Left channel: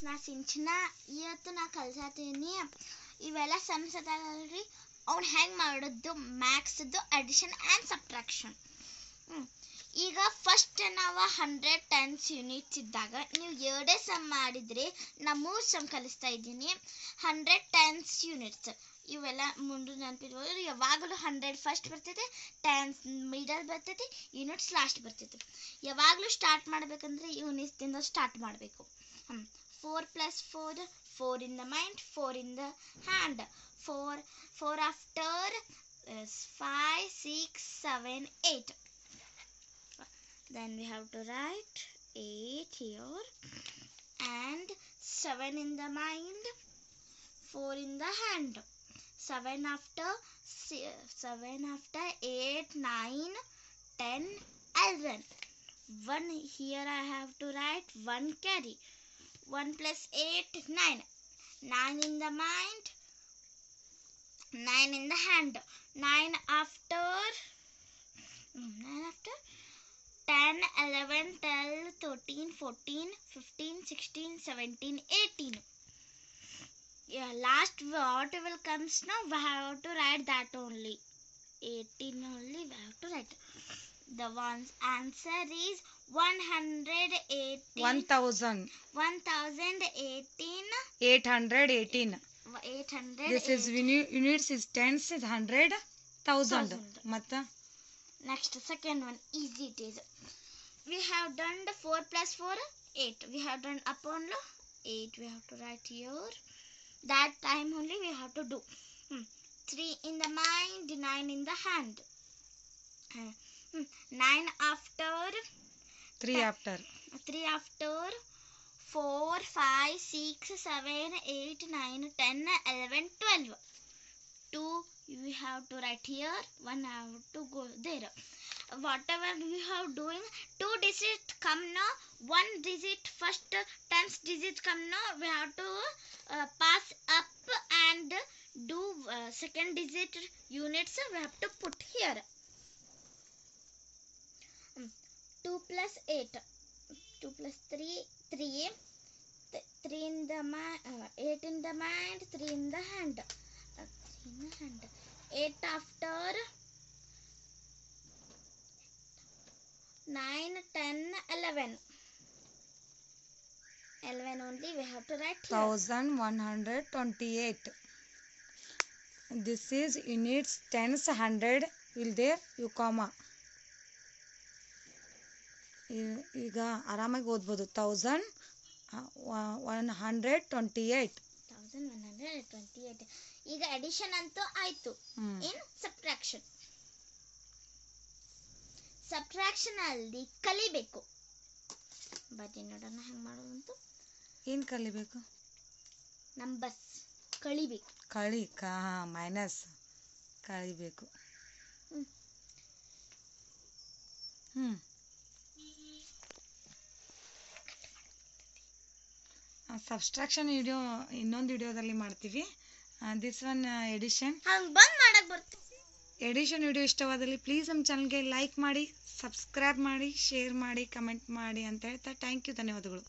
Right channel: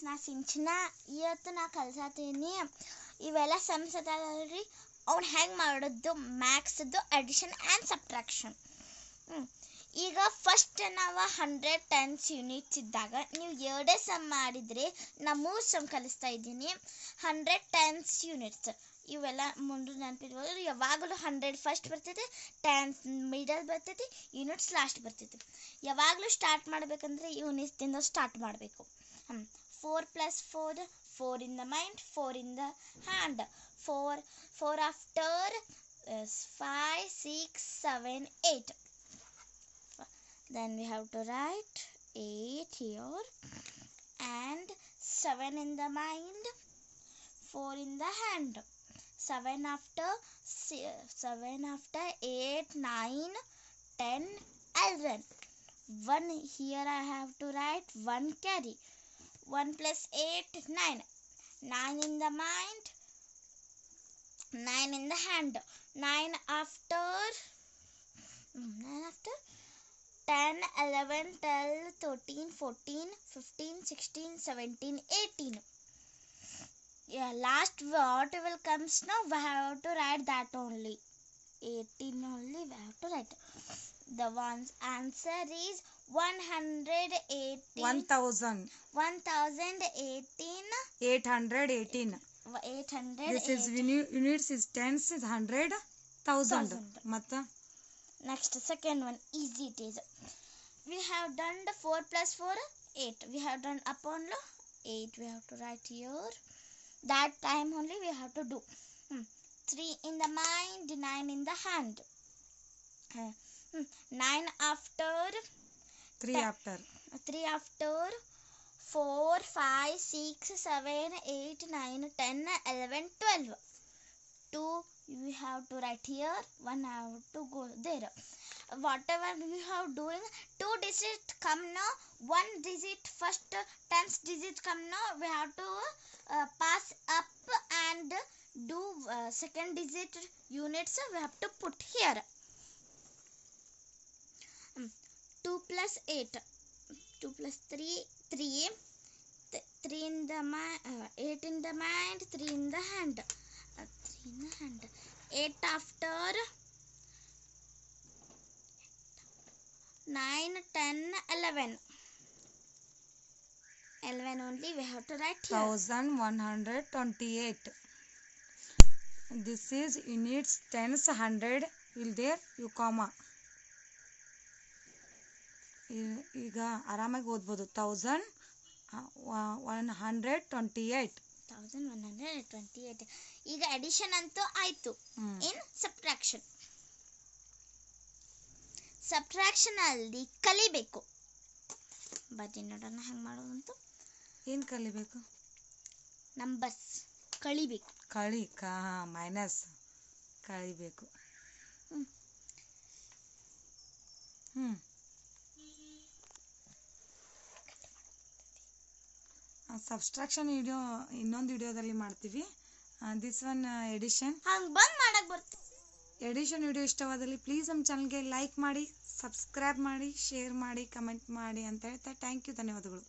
Friends ಸಿಂಚನ, ಇವತ್ತು ನಾ ಕಲ್ಸತ್ತೀನಿ ಇವೆಲ್ಲ ಸಮ್ಸ್ ಅದಾವಲ್ರಿ ಅವ್ನು ಹೆಂಗೆ ಮಾಡೋದು? ಮ್ಯಾಕ್ಸ್ದು ಅಡಿಷನ್ ಆ್ಯಂಡ್ ಸಬ್ಟ್ರಾಕ್ಷನ್ ಈಗ ಫಸ್ಟ್ ನಾವು ಹಂಡ್ರೆಡ್ ಟೆನ್ಸ್ ಯೂನಿಟ್ಸ್ ಇದ್ದಾಗ ನೀವು ಎರಡೇ ಸಮ್ ಮಾಡಿದರೆ ನಾ ಮೂರು ಸಮ್ ಕಲಿಸ್ತಾ ಇದ್ದೀನಿ. ಹಂಡ್ರೆಡ್ ಟೆನ್ಸ್ ಯೂನಿಟ್ಸ್ ಇವೆಲ್ಲ ಮುಂದೆ ನೆನಪಿರ್ಬೋದು ಯಾವಾಗಲೂ ಹಂಡ್ರೆಡ್ ಫಸ್ಟ್ ಬರ್ತೈತೆ ಟೆನ್ಸ್ ಮಿಡಲ್ ಬರ್ತೈತಿ ಯೂನಿಟ್ಸ್ ಲಾಸ್ಟ್ ಬರ್ತೈತಿ. ಯಾವಾಗಲೂ ಸ್ಟಾರ್ಟ್ ಮಾಡಬೇಕಂದ್ರೆ ಯೂನಿಟ್ಸ್ದಿಂದ ಸ್ಟಾರ್ಟ್ ಮಾಡಬೇಕು. 4 plus 4, 4 in the mind, 4 in the hand. 4, 4 after is 5, 6, 7, 8. Then we have to write 8 here and 7 in the mind, 4 in the hand. 7 after 7 after 8, 9, 10, 11. 1 here I have to write 1 carry. 1 plus 8 9 9 in the mind 9 in the hand 9 after mm, 9 after 10, 11, 12, 13, 14, 15, 16, 17, 18. Yeah, last what will comes now, we have to write that only. 18 only we have to write. The one's answer is 118 1000 1018 818 800 this is units is tens is 100 thousand. Matta next second one easy it is. We have done the 4 plus 4 8 we have done upon 8 we have to write here. That time only we have to do. Hmm. 3 in the mind 9 in the hand. Hmm. 9 after 3 after. 3 after four five six seven eight nine ten eleven twelve two you have to write here, 1 have to go there. Whatever we have doing, 2 digit come now, 1 digit first, tens digit come now, we have to uh, pass up and do uh, second digit units we have to put here. 2 plus 8 2 plus 3 3 th 3 in the mind uh, 8 in the mind 3 in the hand. Uh, 3 in the hand. 8 after 9 10 11 11 only we have to write 1128 this is units tens hundred. Will there? You comma. Hundred ಆರಾಮಾಗಿ ಓದ್ಬೋದು. Thousand one ಈಗ twenty eight thousand one hundred twenty eight 1128 ಈಗ addition ಅಂತೂ ಆಯ್ತು. ಇನ್ subtraction subtraction ಅಲ್ಲಿ ಕಲಿಬೇಕು. ಬನ್ನಿ ನೋಡೋಣ ಹೆಂಗೆ ಮಾಡೋದಂತು ಏನು ಕಲಿಬೇಕು? ನಂಬರ್ಸ್ ಕಳಿಬೇಕು. ಕಳಿ ಕಾ ಮೈನಸ್ ಕಳಿಬೇಕು. ಹ್ಮ್. ಹ್ಞೂ ಸಬ್ಸ್ಟ್ರಾಕ್ಷನ್ ವಿಡಿಯೋ ಇನ್ನೊಂದು ವಿಡಿಯೋದಲ್ಲಿ ಮಾಡ್ತೀವಿ. This one addition addition video ಇಷ್ಟವಾದಲ್ಲಿ ಪ್ಲೀಸ್ ನಮ್ಮ ಚಾನಲ್ಗೆ ಲೈಕ್ ಮಾಡಿ ಸಬ್ಸ್ಕ್ರೈಬ್ ಮಾಡಿ ಶೇರ್ ಮಾಡಿ ಕಮೆಂಟ್ ಮಾಡಿ ಅಂತ ಹೇಳ್ತಾ ಥ್ಯಾಂಕ್ ಯು ಧನ್ಯವಾದಗಳು.